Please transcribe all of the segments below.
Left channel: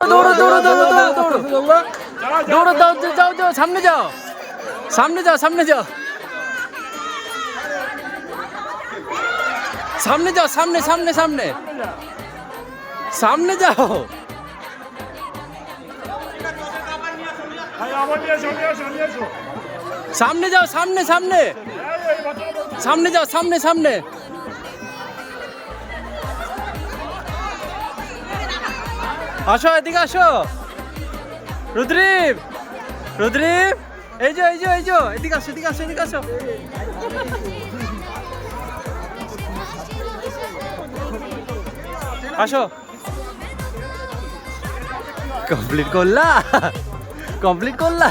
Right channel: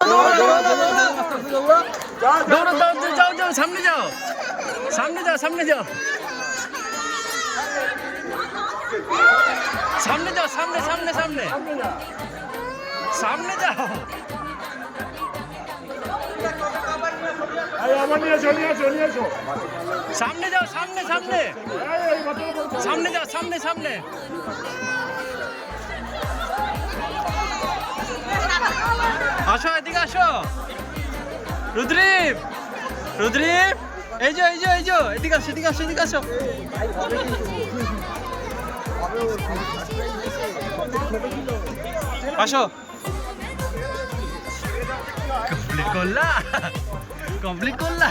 দৌড়ো দৌড়ো দৌড়ো দৌড়ো দৌড়ো যাও যাও সামনে যাও সামনে যাও সামনে যাও সামনে যাও সামনে সামনে সামনে সামনে যাও সামনে যাও সামনে সামনে সামনে যাও সামনে সামনে আসো এদিকে আসো রুদ্রীপ রুদ্রীপ এই যে এদিকে আসো এদিকে আসো এদিকে আসো আসো কমপ্লিট করলা কমপ্লিট করলা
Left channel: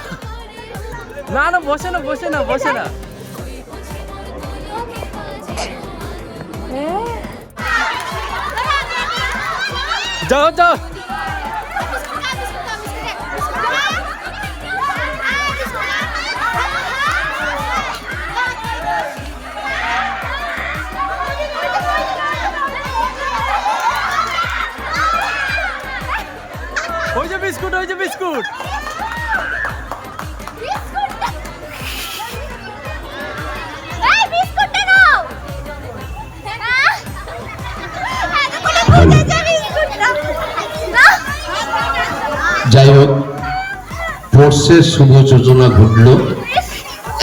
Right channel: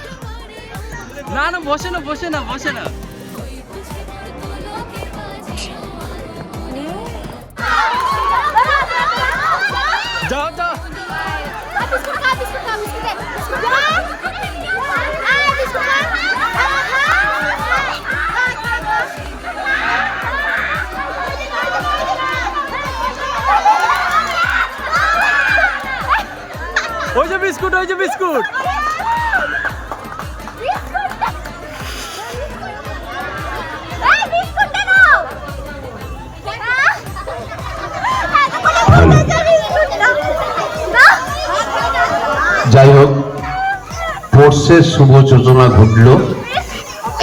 না না বসে না বসে না বসে না যাও যাও ওই যে বিস্কুট ওই যে বিস্কুট যাই হোক স্পোর্টসের শুভ সূচনা ঘটল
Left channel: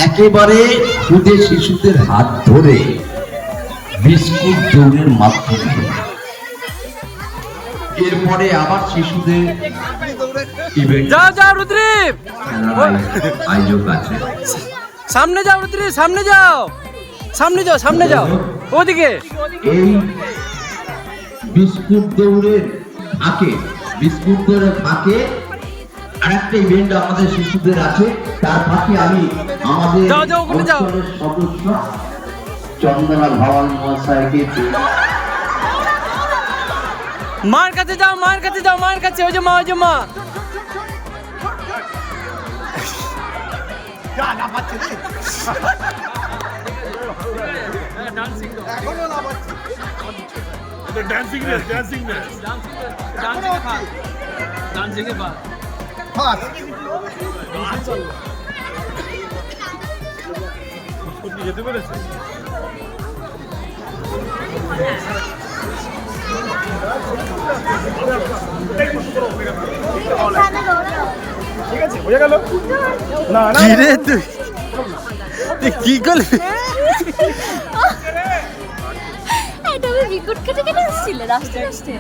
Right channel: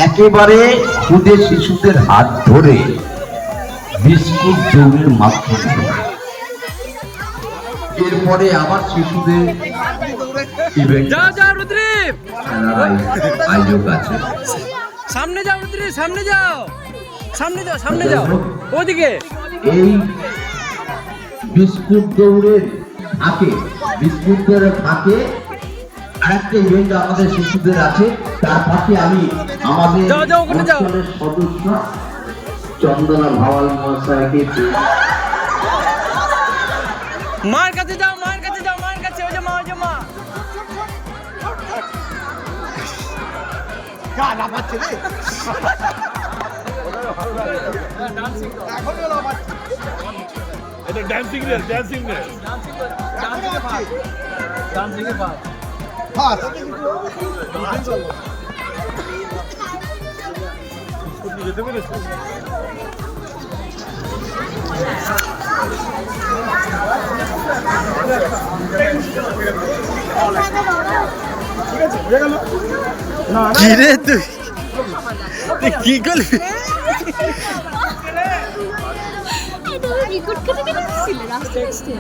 একেবারে ক্ষুদে শিশুদের হাত ধরে বিস্কুট দৌড়ের মাধ্যমে। এরপরে আবার শিশুদের ইভেন্ট যাও যাও রুদ্রীপ আয়োজক আছে। সামনে যাও রুদ্রীপ সামনে যাও সামনে যাও সামনে যাও ওদিকে এই বিস্কুট দৌড়ের ফাঁকে বিস্কুট দৌড়ের ফাঁকে আরেকটা ইভেন্ট আমাদের শিশুদের আছে। তার ফাঁকে আমি আমাদের অঞ্চলের সদস্য চন্দনা ভাওয়াল মহাশয়কে মার কাছে যাও মার কাছে যাও মার কাছে ওই যে মা ওই যে মা ডান্সিং ডান্সিং ডান্সিং এর পা যেতে পেরেছে কিরে তুই কি করলি রেকর্ড কেটে রাস্তায়